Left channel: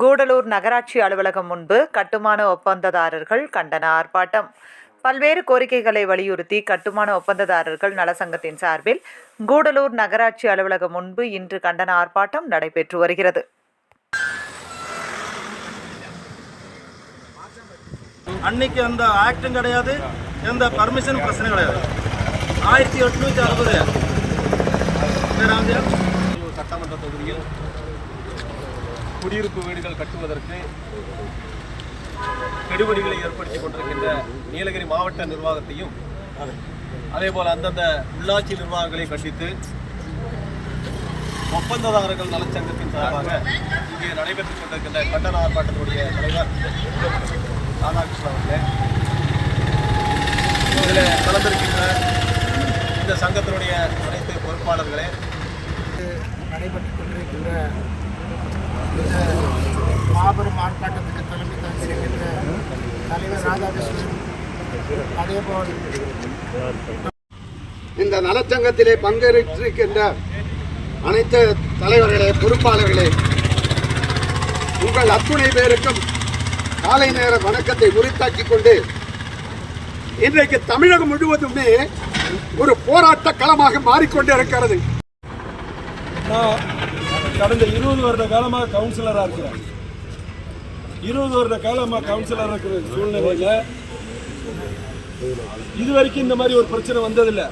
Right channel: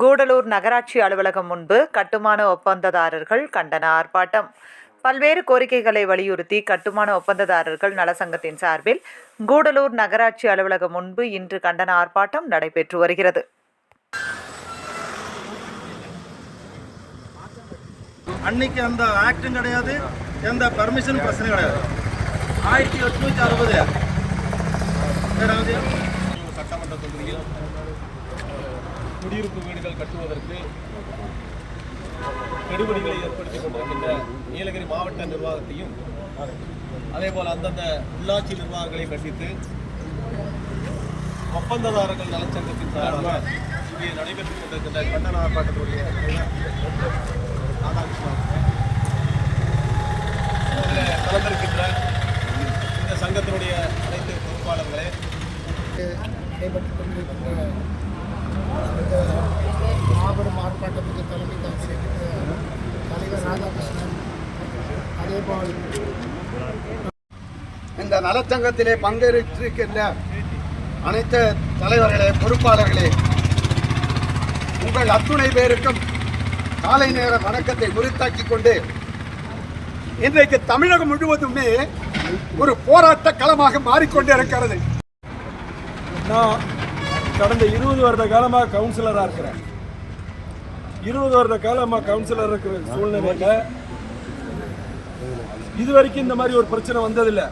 கூடலூர் நகராட்சி அலுவலகம் முன்பு கட்டுமான ஒப்பந்ததாரர்கள் கண்டன ஆர்ப்பாட்டம். பல்வேறு கோரிக்கைகளை வலியுறுத்தி கட்டுமான ஒப்பந்ததாரர்கள் நலசங்கத்தின் சார்பில் கூடலூர் நகராட்சி அலுவலகம் முன்பு இன்று கண்டன ஆர்ப்பாட்டம் நடைபெற்று வருகிறது. அன்னைக்கு அந்த ஆக்டும் கிடையாது, எந்த பர்மிஷன் பிரச்சனை கிடையாது. 1860 சட்டமன்ற தொகுதியில் குடியிருப்பு வீடுகள் கட்டுவதற்கு கெடுபிடிகளை ஏற்படுத்திக் கொண்டிருக்கின்ற நீலகிரி மாவட்ட நிர்வாகத்தையும் அதேபோல் அந்தந்த உள்ளாட்சி நிர்வாகங்களை கண்டித்து ஒப்பந்ததாரர்கள் நலச்சங்கத்தின் சார்பாக இங்கே நடைபெற்றுக் கொண்டிருக்கின்ற கண்டன ஆர்ப்பாட்டத்துடைய தலைவர் ராதாகிருஷ்ணன் அவர்களே, இதில் கலந்திருக்கின்ற இந்த சங்கத்தினுடைய அனைத்து பொறுப்பாளர்களே, நடைபெற்றுக் கொண்டிருக்கின்ற இந்த மாபெரும் ஆர்ப்பாட்டத்துக்கு தலைமை தாங்கியிருக்கின்ற தலைவர் ராதாகிருஷ்ணன், அதேபோல் இந்த நலச்சங்கத்திலே பங்கேற்றிருக்கின்ற அனைத்து தலைவர்களே, பொறுப்பாளர்களே, உங்கள் அத்துணை பேருக்கும் காலை நேர வணக்கத்தை உரித்தாக்கிக் கொண்டு இன்றைக்கு தமிழகம் முழுவதுமே ஒரு போராட்ட களமாக மாறிக்கொண்டே இருக்கிறது. கடந்த 20 வருட காலமாக கவுன்சிலராக இருக்கிறேன். 20 வருட காலமாக கவுன்சிலராக இருக்கிற சூழ்நிலையில் இதுவரைக்கும் இந்த மாதிரி ஒரு பிரச்சனை வந்ததில்லை.